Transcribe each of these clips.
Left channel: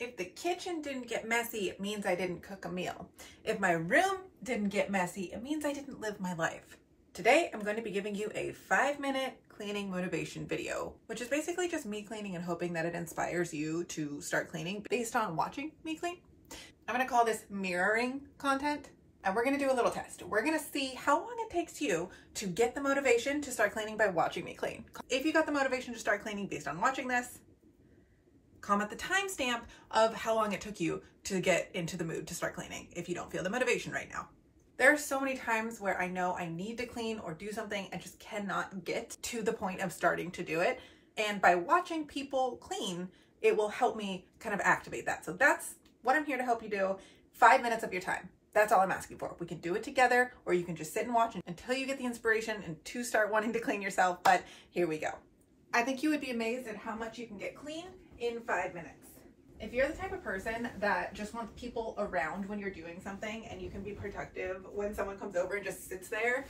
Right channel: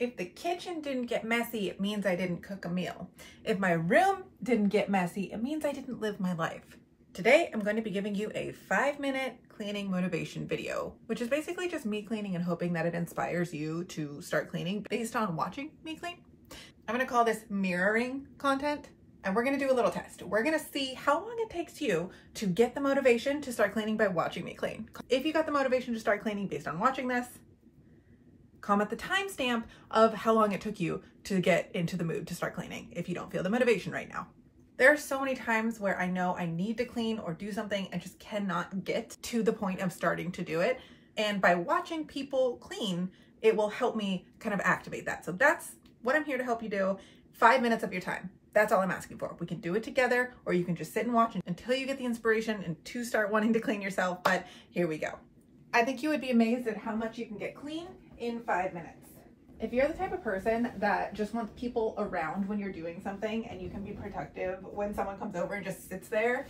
If the kitchen didn't get messy, it means I didn't cook a meal. If my room didn't get messy, it means I didn't live my life. Today, I'm going to be giving you a 5-minute cleaning motivation video, which is basically just me cleaning and hoping that it inspires you to start cleaning based on watching me clean. I'm going to call this mirroring content, and we're going to do a little test. We're going to see how long it takes you to get the motivation to start cleaning by watching me clean. If you got the motivation to start cleaning based on watching this, comment the timestamp of how long it took you to get into the mood to start cleaning if you don't feel the motivation right now. There are so many times where I know I need to clean or do something and just cannot get to the point of starting to do it. And by watching people clean, it will help me kind of activate that. So that's what I'm here to help you do. 5 minutes of your time. That's all I'm asking for. We can do it together, or you can just sit and watch until you get the inspiration and to start wanting to clean yourself. But here we go. I think you would be amazed at how much you can get clean in 5 minutes. If you're the type of person that just wants people around when you're doing something and you can be productive when someone comes over and just sits there,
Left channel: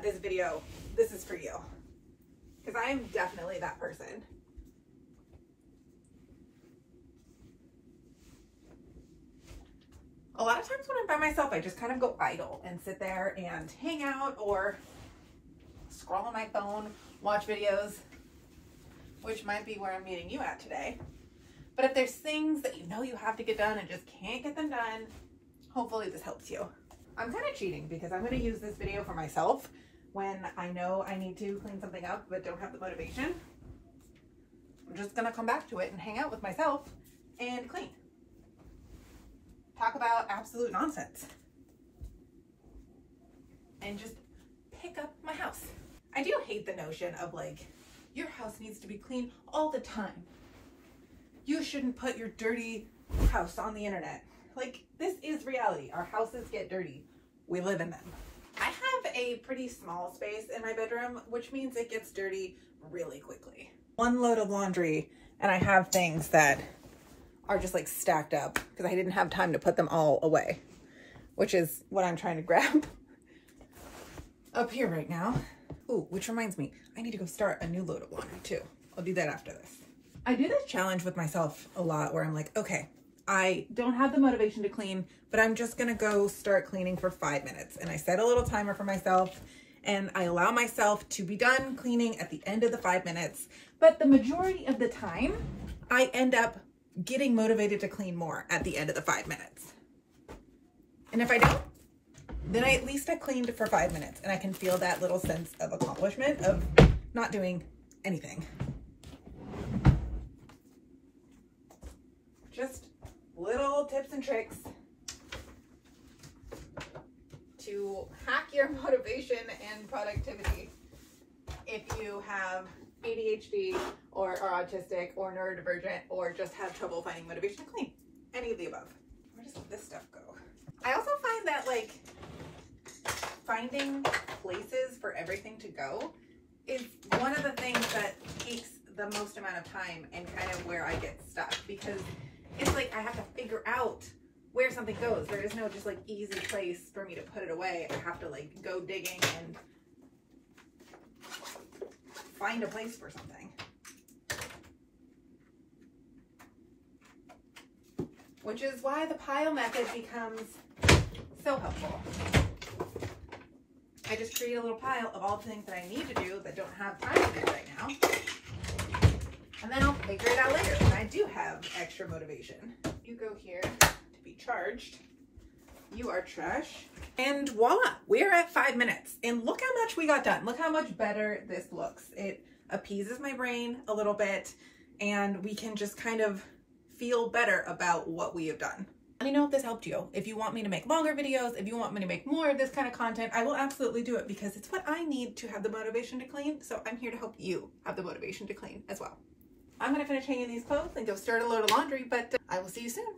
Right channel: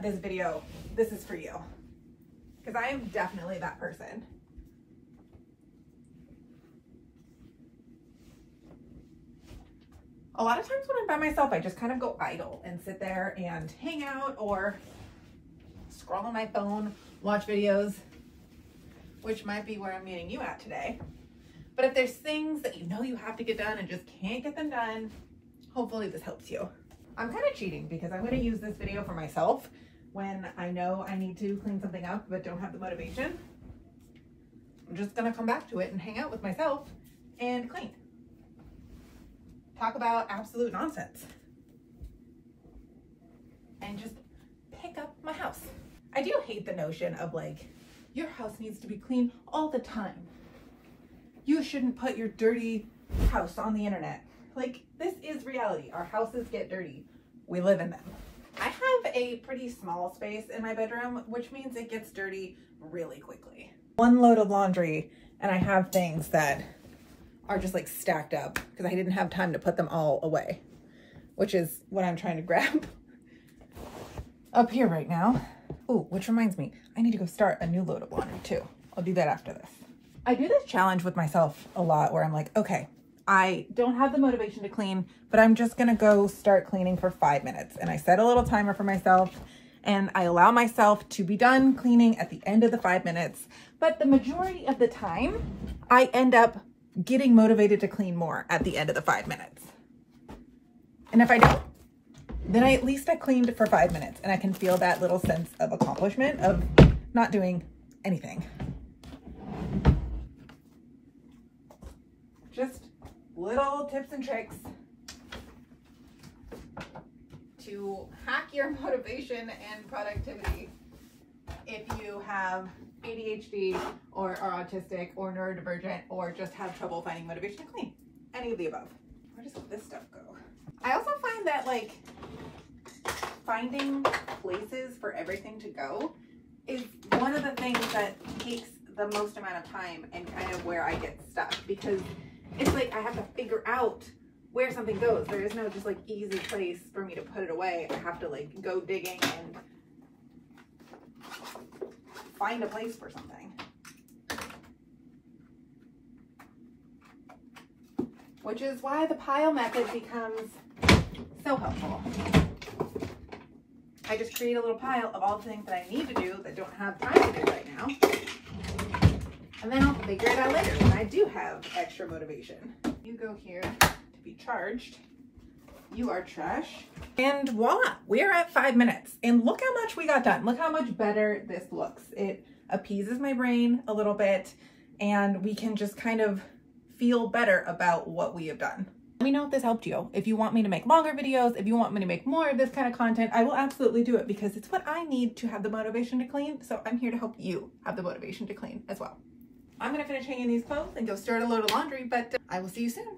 this is for you. Because I am definitely that person. A lot of times when I'm by myself, I just kind of go idle and sit there and hang out or scroll on my phone, watch videos, which might be where I'm meeting you at today. But if there's things that you know you have to get done and just can't get them done, hopefully this helps you. I'm kind of cheating because I'm going to use this video for myself when I know I need to clean something up but don't have the motivation. I'm just going to come back to it and hang out with myself and clean. Talk about absolute nonsense. And just pick up my house. I do hate the notion of like, your house needs to be clean all the time. You shouldn't put your dirty house on the internet. Like, this is reality. Our houses get dirty. We live in them. I have a pretty small space in my bedroom, which means it gets dirty really quickly. One load of laundry, and I have things that are just like stacked up because I didn't have time to put them all away, which is what I'm trying to grab up here right now. Oh, which reminds me, I need to go start a new load of laundry too. I'll do that after this. I do this challenge with myself a lot where I'm like, okay, I don't have the motivation to clean, but I'm just gonna go start cleaning for 5 minutes. And I set a little timer for myself and I allow myself to be done cleaning at the end of the 5 minutes. But the majority of the time, I end up getting motivated to clean more at the end of the 5 minutes. And if I don't, then at least I cleaned for 5 minutes and I can feel that little sense of accomplishment of not doing anything. Just little tips and tricks to hack your motivation and productivity if you have ADHD or are autistic or neurodivergent or just have trouble finding motivation to clean. Any of the above. Where does this stuff go? I also find that like finding places for everything to go is one of the things that takes the most amount of time and kind of where I get stuck, because it's like I have to figure out where something goes. There is no just like easy place for me to put it away. I have to like go digging and find a place for something. Which is why the pile method becomes so helpful. I just create a little pile of all the things that I need to do that don't have time to do right now. And then I'll figure it out later when I do have extra motivation. You go here to be charged. You are trash. And voila, we're at 5 minutes. And look how much we got done. Look how much better this looks. It appeases my brain a little bit and we can just kind of feel better about what we have done. Let me know if this helped you. If you want me to make longer videos, if you want me to make more of this kind of content, I will absolutely do it because it's what I need to have the motivation to clean. So I'm here to help you have the motivation to clean as well. I'm gonna finish hanging these clothes and go start a load of laundry, but I will see you soon.